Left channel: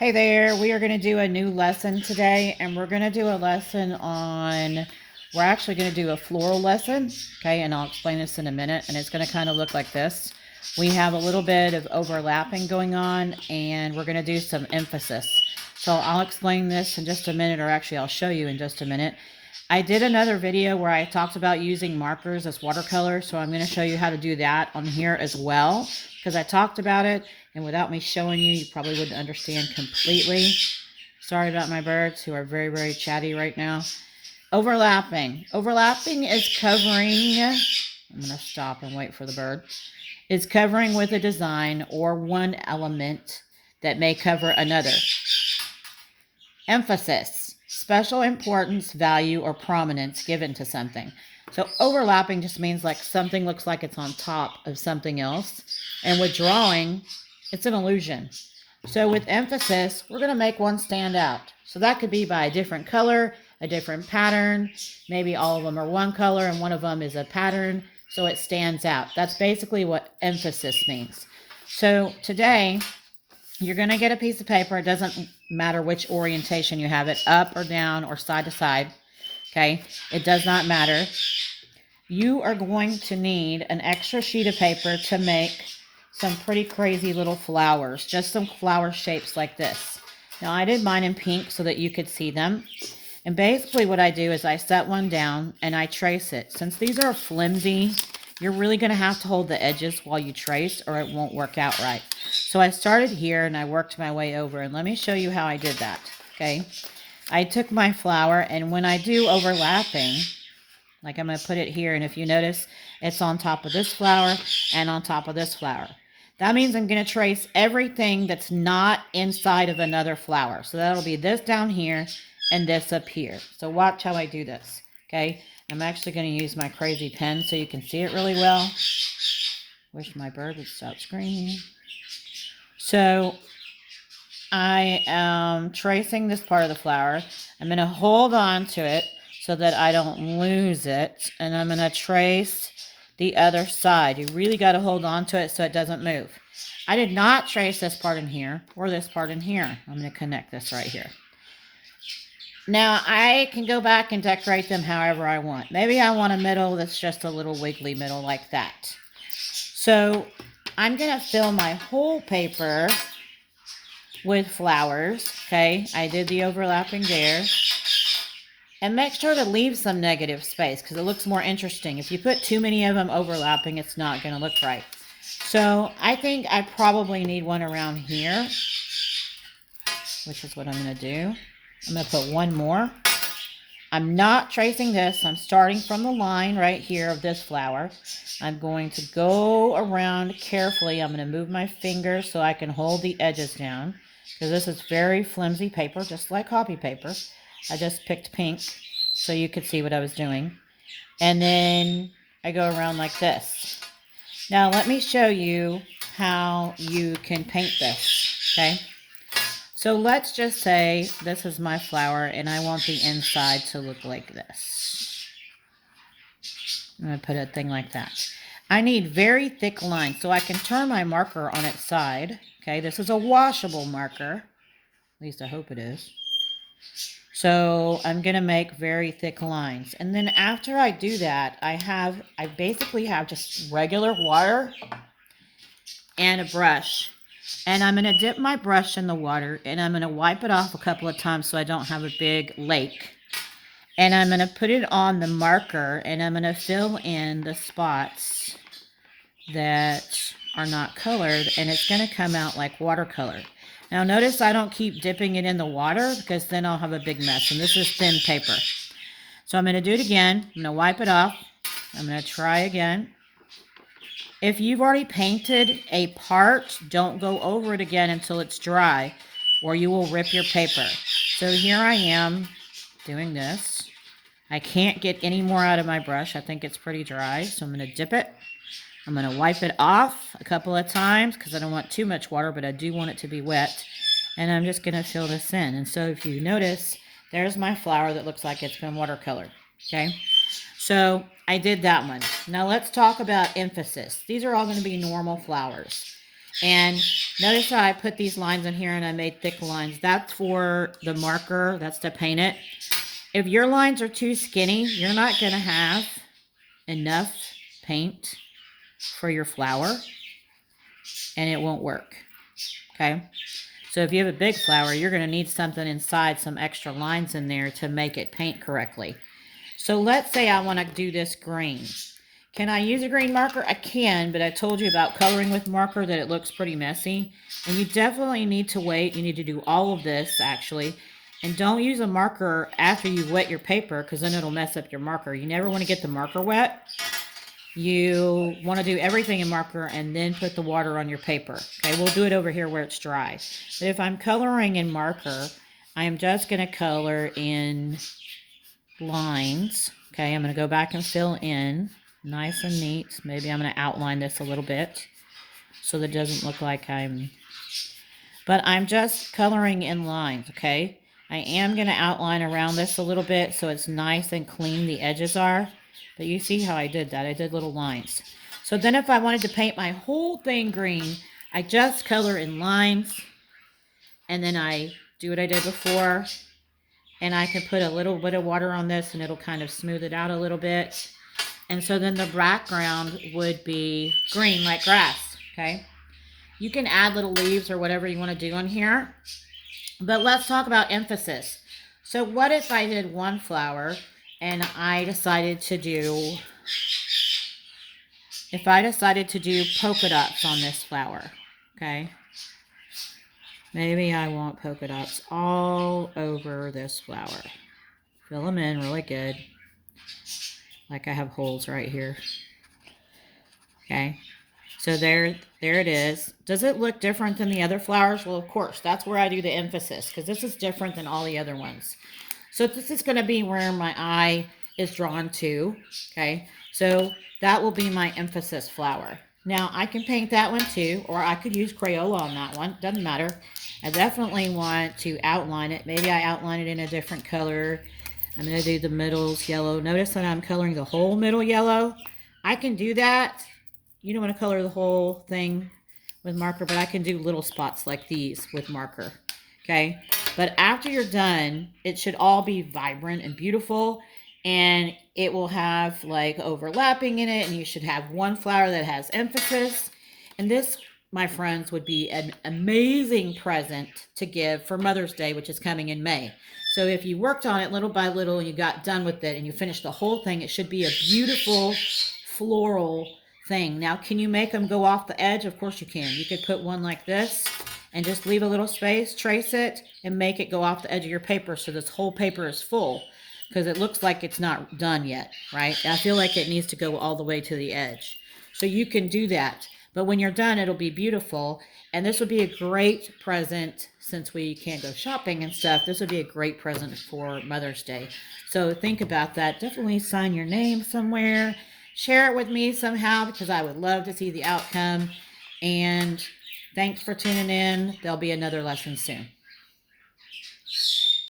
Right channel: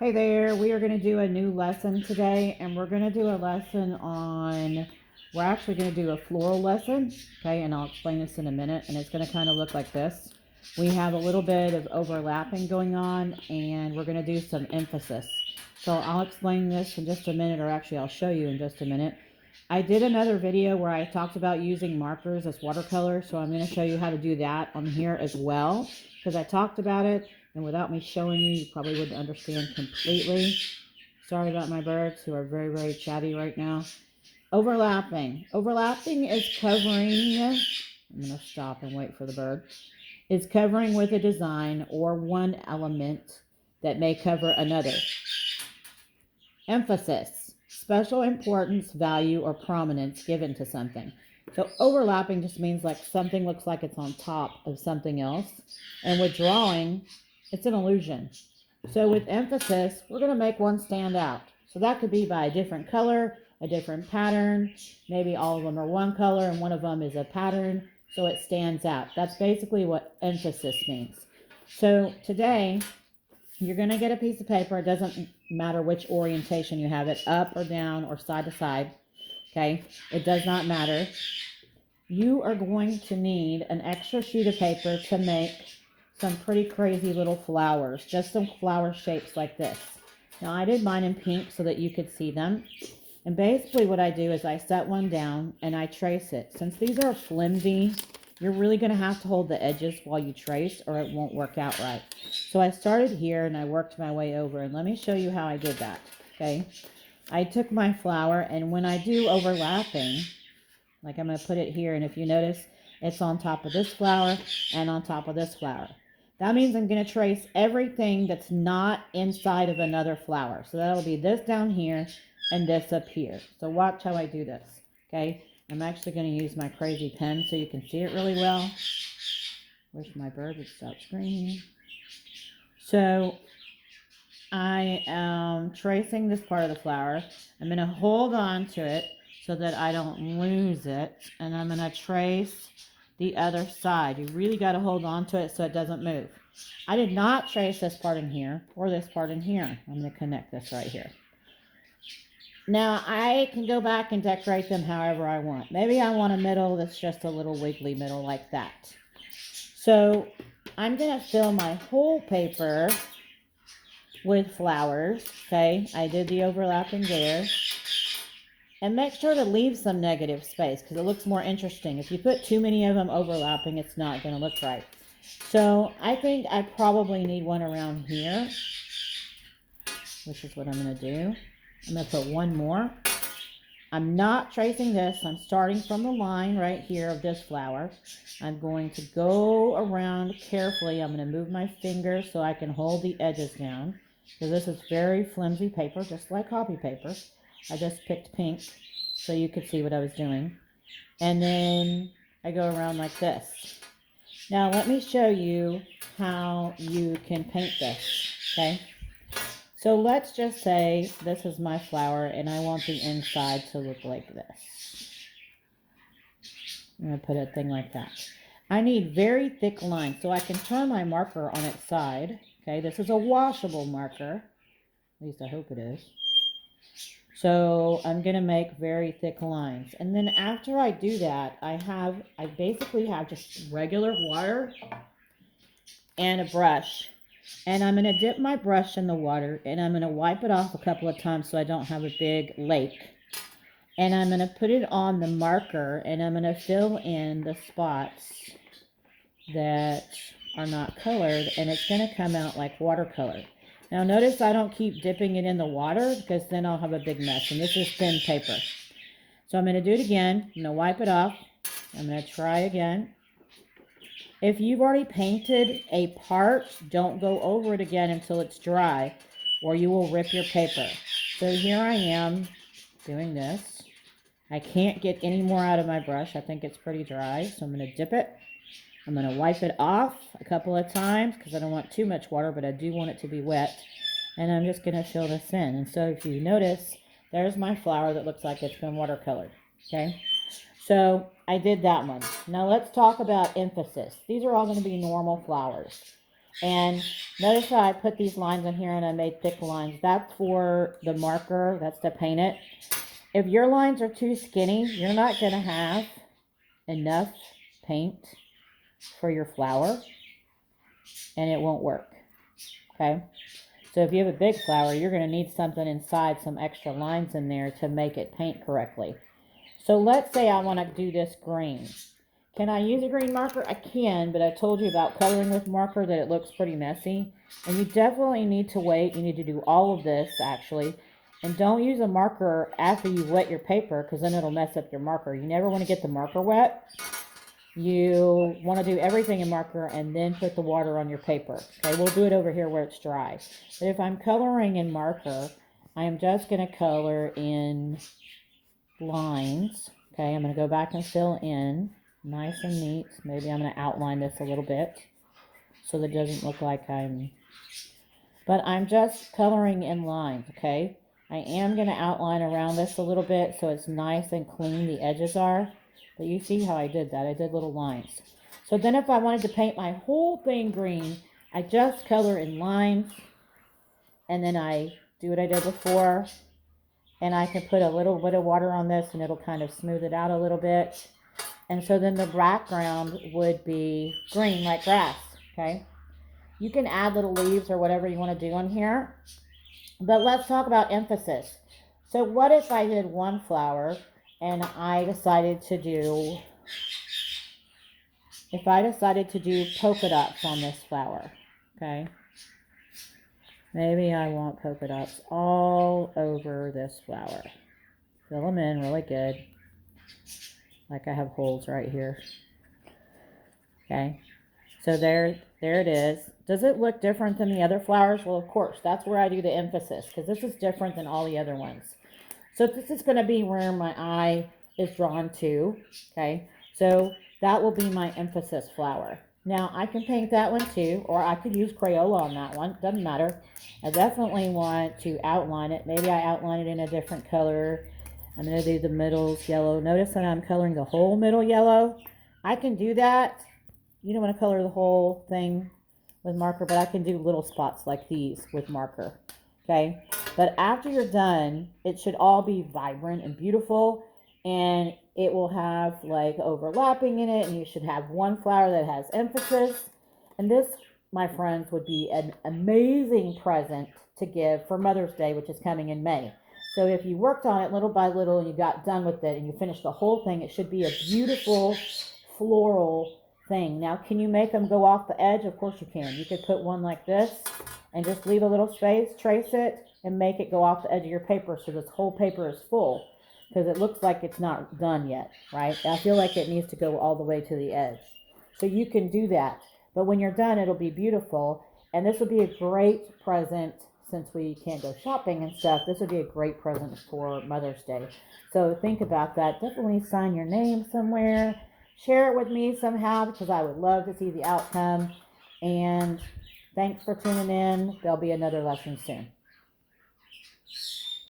Hey there, we are going to do a new lesson today, and we're going to do a lesson on, we're actually going to do a floral lesson, okay, and I'll explain this in a minute, and it's going to kind of look like this. We have a little bit of overlapping going on, and we're going to do some emphasis. So I'll explain this in just a minute, or actually I'll show you in just a minute. I did another video where I talked about using markers as watercolor, so I'm going to show you how to do that on here as well, because I talked about it, and without me showing you, you probably wouldn't understand completely. Sorry about my birds who are very, very chatty right now. Overlapping. Overlapping is covering, I'm going to stop and wait for the bird, is covering with a design or one element that may cover another. Emphasis, special importance, value, or prominence given to something. So overlapping just means like something looks like it's on top of something else. And with drawing, it's an illusion. So with emphasis, we're going to make one stand out. So that could be by a different color, a different pattern. Maybe all of them are one color and one of them is a pattern, so it stands out. That's basically what emphasis means. So today, you're going to get a piece of paper. It doesn't matter which orientation you have it, up or down or side to side. Okay, it does not matter. You are going to need an extra sheet of paper to make some pretty crazy little flowers, just some flower shapes like this. Now I did mine in pink so that you could see them. And basically what I do is I set one down and I trace it. Since these are flimsy, you're really going to have to hold the edges while you trace or it won't work out right. So I started here and I worked my way over, and let me show you how I did that. Okay, I took my flower, and when I do overlapping, like I'm going to put it here, and if you notice, it's on top of this flower and on top of this flower. That means I'm going to trace everything that's not inside of another flower. So that'll be this down here and this up here. So watch how I do this, okay? I'm actually going to use my crazy pen so you can see it really well. Wish my bird would stop screaming. So I am tracing this part of the flower. I'm going to hold on to it so that I don't lose it. And I'm going to trace the other side. You really got to hold on to it so it doesn't move. I did not trace this part in here or this part in here. I'm going to connect this right here. Now I can go back and decorate them however I want. Maybe I want a middle that's just a little wiggly middle like that. So I'm going to fill my whole paper with flowers. Okay, I did the overlapping there. And make sure to leave some negative space because it looks more interesting. If you put too many of them overlapping, it's not going to look right. So I think I probably need one around here, which is what I'm going to do. I'm going to put one more. I'm not tracing this. I'm starting from the line right here of this flower. I'm going to go around carefully. I'm going to move my finger so I can hold the edges down because this is very flimsy paper, just like copy paper. I just picked pink so you could see what I was doing. And then I go around like this. Now let me show you how you can paint this, okay? So let's just say this is my flower and I want the inside to look like this. I'm going to put a thing like that. I need very thick lines so I can turn my marker on its side. Okay, this is a washable marker. At least I hope it is. So I'm going to make very thick lines. And then after I do that, I basically have just regular water and a brush. And I'm going to dip my brush in the water and I'm going to wipe it off a couple of times so I don't have a big lake. And I'm going to put it on the marker and I'm going to fill in the spots that are not colored, and it's going to come out like watercolor. Now notice I don't keep dipping it in the water because then I'll have a big mess, and this is thin paper. So I'm going to do it again. I'm going to wipe it off. I'm going to try again. If you've already painted a part, don't go over it again until it's dry or you will rip your paper. So here I am doing this. I can't get any more out of my brush. I think it's pretty dry, so I'm going to dip it. I'm going to wipe it off a couple of times because I don't want too much water, but I do want it to be wet. And I'm just going to fill this in. And so if you notice, there's my flower that looks like it's been watercolored. Okay, so I did that one. Now let's talk about emphasis. These are all going to be normal flowers. And notice how I put these lines in here and I made thick lines. That's for the marker. That's to paint it. If your lines are too skinny, you're not going to have enough paint for your flower and it won't work. Okay. So if you have a big flower, you're going to need something inside, some extra lines in there to make it paint correctly. So let's say I want to do this green. Can I use a green marker? I can, but I told you about coloring with marker that it looks pretty messy. And you definitely need to wait. You need to do all of this, actually. And don't use a marker after you wet your paper, because then it'll mess up your marker. You never want to get the marker wet. You want to do everything in marker and then put the water on your paper. Okay, we'll do it over here where it's dry. But if I'm coloring in marker, I am just going to color in lines. Okay, I'm going to go back and fill in. Nice and neat. Maybe I'm going to outline this a little bit so that it doesn't look like but I'm just coloring in lines, okay? I am going to outline around this a little bit so it's nice and clean, the edges are. But you see how I did that. I did little lines. So then if I wanted to paint my whole thing green, I just color in lines. And then I do what I did before. And I can put a little bit of water on this and it'll kind of smooth it out a little bit. And so then the background would be green like grass, okay? You can add little leaves or whatever you want to do on here. But let's talk about emphasis. So what if I did one flower and I decided to do, polka dots on this flower, okay? Maybe I want polka dots all over this flower. Fill them in really good. Like I have holes right here. Okay. So there it is. Does it look different than the other flowers? Well, of course, that's where I do the emphasis because this is different than all the other ones. So this is going to be where my eye is drawn to. Okay. So that will be my emphasis flower. Now I can paint that one too, or I could use Crayola on that one. Doesn't matter. I definitely want to outline it. Maybe I outline it in a different color. I'm going to do the middles yellow. Notice that I'm coloring the whole middle yellow. I can do that. You don't want to color the whole thing with marker, but I can do little spots like these with marker. Okay. But after you're done, it should all be vibrant and beautiful. And it will have like overlapping in it. And you should have one flower that has emphasis. And this, my friends, would be an amazing present to give for Mother's Day, which is coming in May. So if you worked on it little by little and you got done with it and you finished the whole thing, it should be a beautiful floral thing. Now, can you make them go off the edge? Of course you can. You could put one like this and just leave a little space, trace it, and make it go off the edge of your paper so this whole paper is full because it looks like it's not done yet, right? I feel like it needs to go all the way to the edge. So you can do that. But when you're done, it'll be beautiful. And this would be a great present since we can't go shopping and stuff. This would be a great present for Mother's Day. So think about that. Definitely sign your name somewhere. Share it with me somehow because I would love to see the outcome. And thanks for tuning in. There'll be another lesson soon.